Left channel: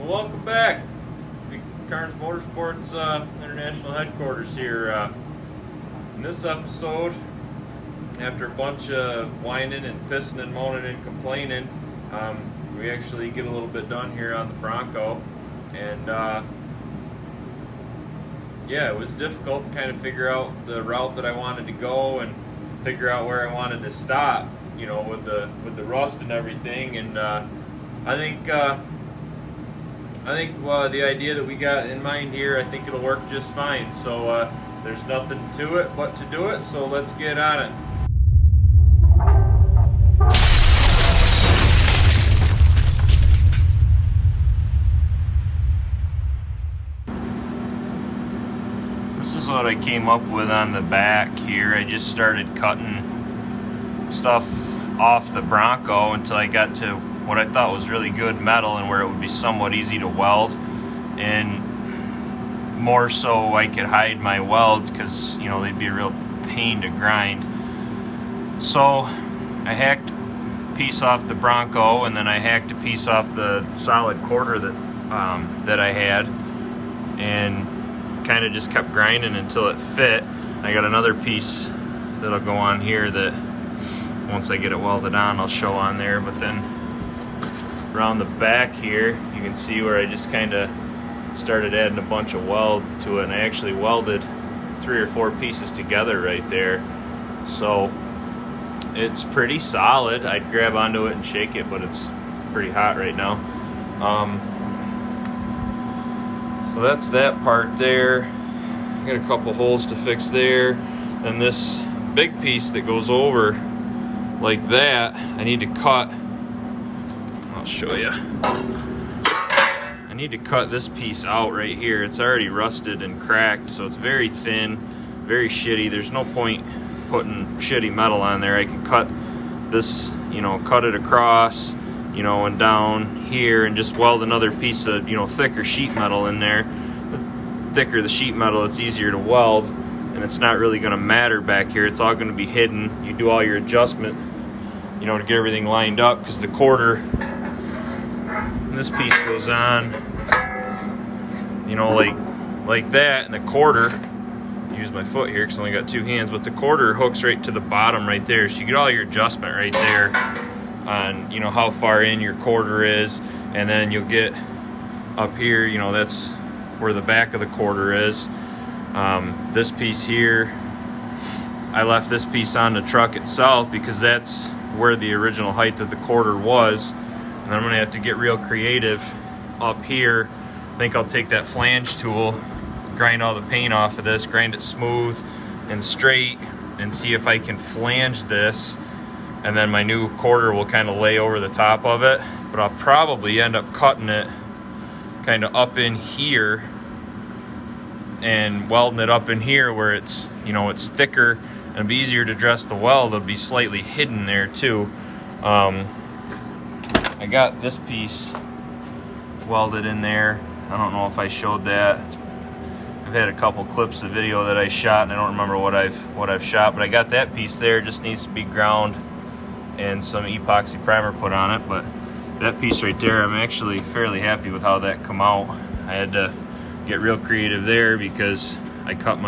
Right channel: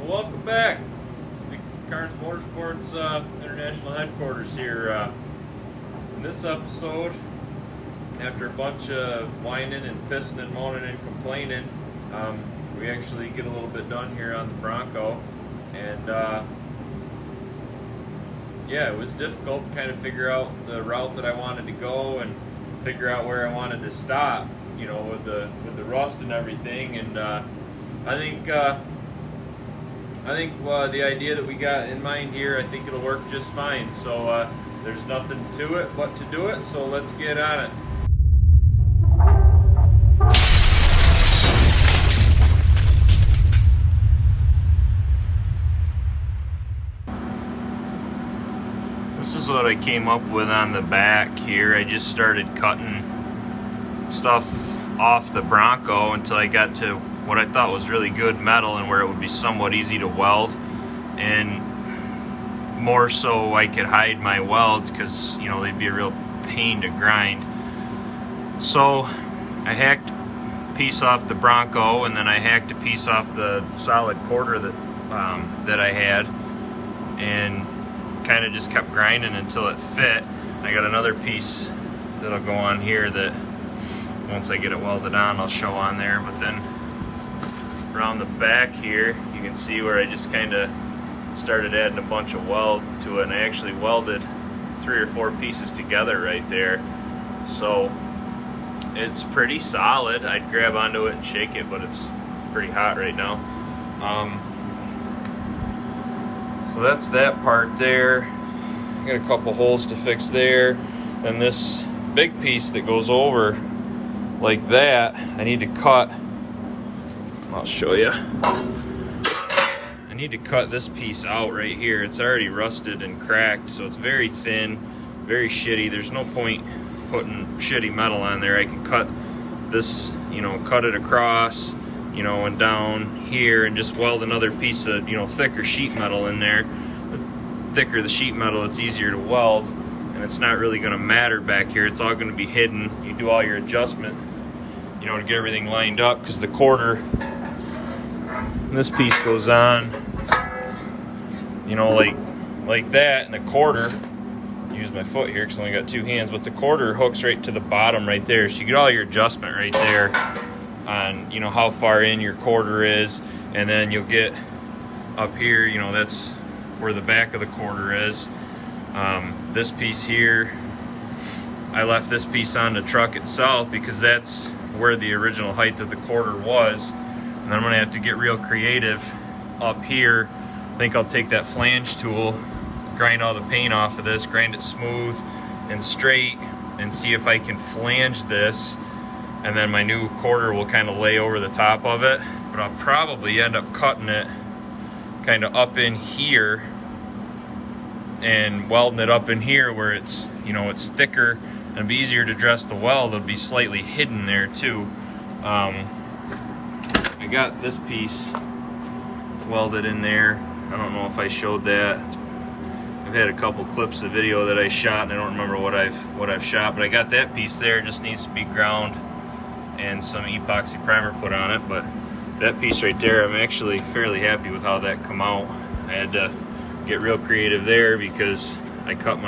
Well, welcome back. Big Carnes Motorsports International Headquarters here. In this episode, after a bunch of whining and pissing and moaning and complaining, we actually get a little bit done here on the Bronco. And yeah, it was difficult to kind of figure out the route that I wanted to go and figure out where I wanted to stop, you know, with the rust and everything. And I think the idea that we got in mind here, I think it'll work just fine. So there's nothing to it but to do it. So let's get on it. This is what I came up with on the back here. I just started cutting stuff off the Bronco until I got to what I thought was really good metal and where it would be somewhat easy to weld, and more so I could hide my welds because, you know, they'd be a real pain to grind. So I hacked a piece off the Bronco, and then I hacked a piece off the solid quarter that I had, and kind of just kept grinding until it fit. I got another piece that'll go on here that once I get it welded on I'll show on there. But then around the back here you can see where I just kind of started adding a bunch of weld to it, and I actually welded 3 or 4 pieces together right there. So it's pretty solid. I'd grab onto it and shake it, but it's pretty hot right now. So that's that part there. I got a couple holes to fix there. Then this big piece that goes over like that, I need to cut. I'll show you. I need to cut this piece out right here. It's already rusted and cracked, so it's very thin, very shitty. There's no point putting shitty metal on there. I can cut this, you know, cut it across, you know, and down here, and just weld another piece of, you know, thicker sheet metal in there. The thicker the sheet metal, it's easier to weld, and it's not really going to matter back here. It's all going to be hidden. You do all your adjustment, you know, to get everything lined up, because the quarter, this piece goes on, you know, like that, and the quarter, use my foot here because I only got 2 hands, but the quarter hooks right to the bottom right there, so you get all your adjustment right there on, you know, how far in your quarter is. And then you'll get up here, you know, that's where the back of the quarter is. This piece here, I left this piece on the truck itself because that's where the original height of the quarter was. And I'm gonna have to get real creative up here. I think I'll take that flange tool, grind all the paint off of this, grind it smooth and straight, and see if I can flange this, and then my new quarter will kind of lay over the top of it. But I'll probably end up cutting it kind of up in here and welding it up in here where it's, you know, it's thicker and it'll be easier to dress the weld. It'll be slightly hidden there too. I got this piece welded in there. I don't know if I showed that. I've had a couple clips of video that I shot, and I don't remember what I've shot, but I got that piece there. It just needs to be ground and some epoxy primer put on it. But that piece right there, I'm actually fairly happy with how that come out. I had to get real creative there because I cut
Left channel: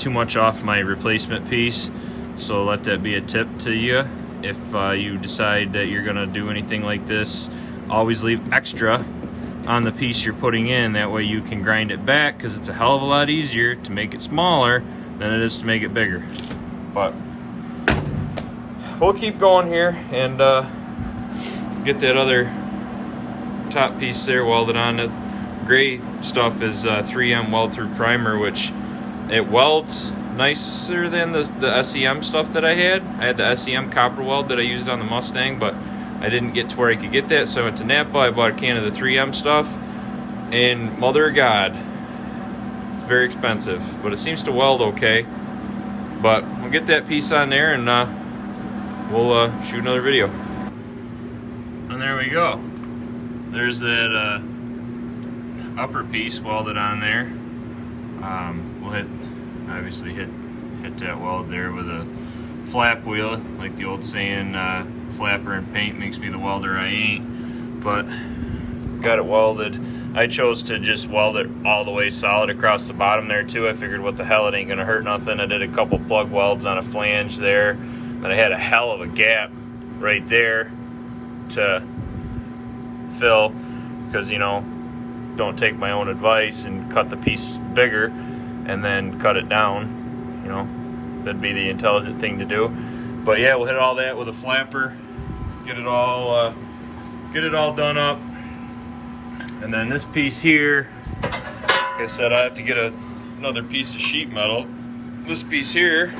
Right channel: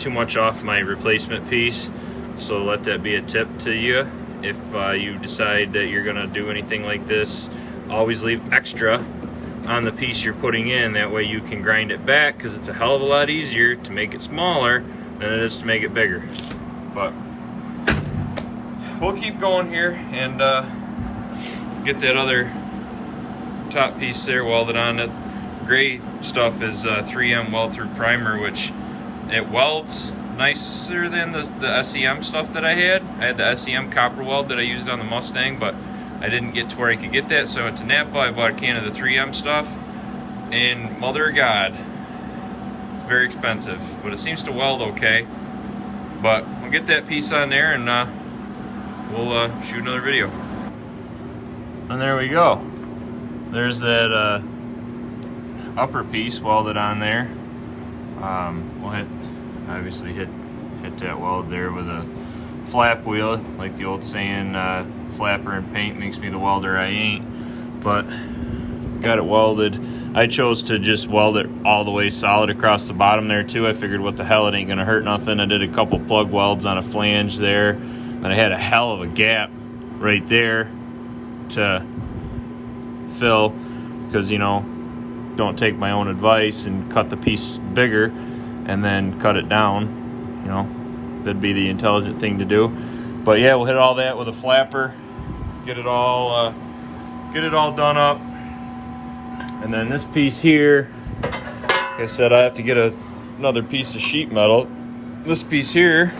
too much off my replacement piece. So let that be a tip to you. If you decide that you're gonna do anything like this, always leave extra on the piece you're putting in. That way you can grind it back, because it's a hell of a lot easier to make it smaller than it is to make it bigger. But we'll keep going here and get that other top piece there welded on. The gray stuff is 3M weld through primer, which it welds nicer than the SEM stuff that I had. I had the SEM copper weld that I used on the Mustang, but I didn't get to where I could get that, so I went to Napa. I bought a can of the 3M stuff, and mother of God, it's very expensive, but it seems to weld okay. But we'll get that piece on there, and we'll shoot another video. And there we go. There's that upper piece welded on there. We'll obviously hit that weld there with a flap wheel, like the old saying, flapper and paint makes me the welder I ain't. But got it welded. I chose to just weld it all the way solid across the bottom there too. I figured what the hell, it ain't gonna hurt nothing. I did a couple plug welds on a flange there, and I had a hell of a gap right there to fill, because you know, don't take my own advice and cut the piece bigger and then cut it down. You know, that'd be the intelligent thing to do. But yeah, we'll hit all that with a flapper, get it all done up. And then this piece here, like I said, I have to get another piece of sheet metal. This piece here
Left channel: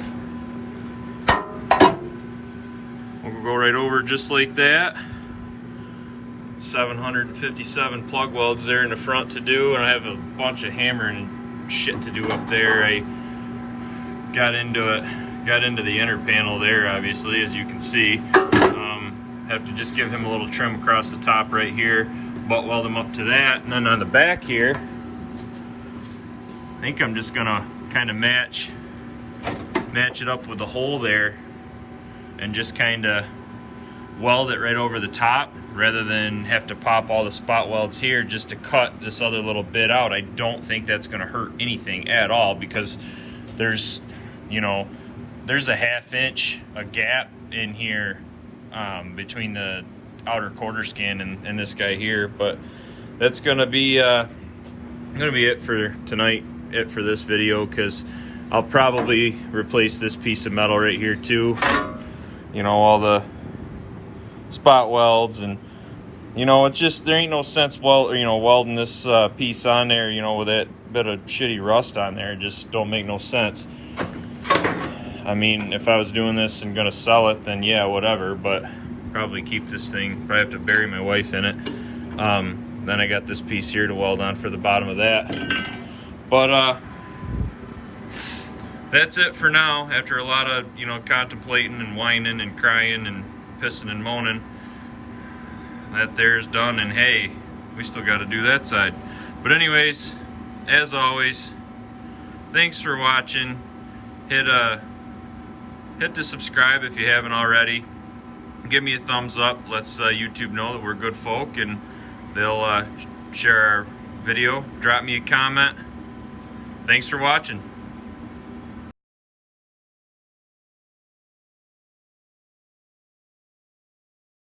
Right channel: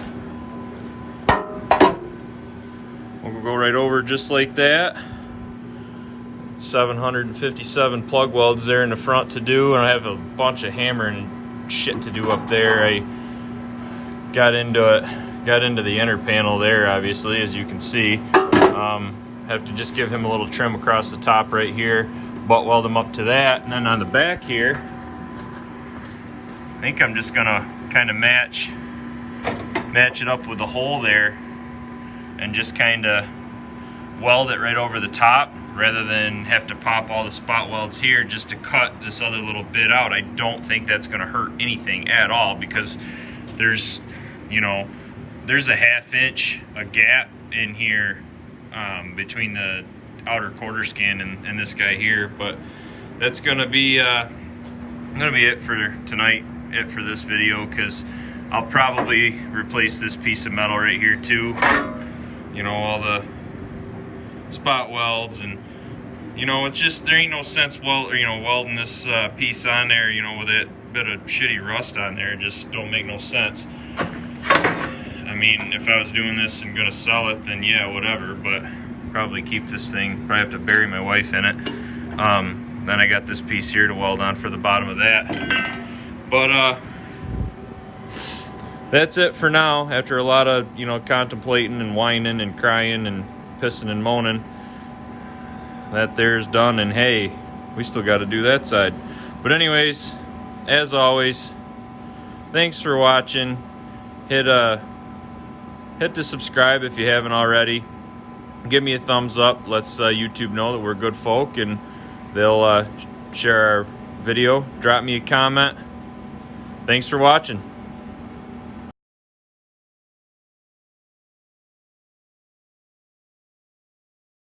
will go right over just like that. 757 plug welds there in the front to do, and I have a bunch of hammering and shit to do up there. I got into the inner panel there, obviously, as you can see. Have to just give him a little trim across the top right here, butt weld him up to that, and then on the back here, I think I'm just gonna kind of match it up with the hole there and just kind of weld it right over the top, rather than have to pop all the spot welds here just to cut this other little bit out. I don't think that's gonna hurt anything at all, because there's, you know, there's a 1/2 inch gap in here between the outer quarter skin and this guy here. But that's gonna be it for tonight, it for this video, because I'll probably replace this piece of metal right here too. You know, all the spot welds, and you know, it's just, there ain't no sense welding this piece on there, you know, with that bit of shitty rust on there. It just don't make no sense. I mean, if I was doing this and gonna sell it, then yeah, whatever, but probably keep this thing, probably have to bury my wife in it. Then I got this piece here to weld on for the bottom of that. But that's it for now. After a lot of, you know, contemplating and whining and crying and pissing and moaning, that there's done, and hey, we still got to do that side. But anyways, as always, thanks for watching. Hit the subscribe if you haven't already. Give me a thumbs up. Let's YouTube know that we're good folk, and they'll share our video. Drop me a comment. Thanks for watching.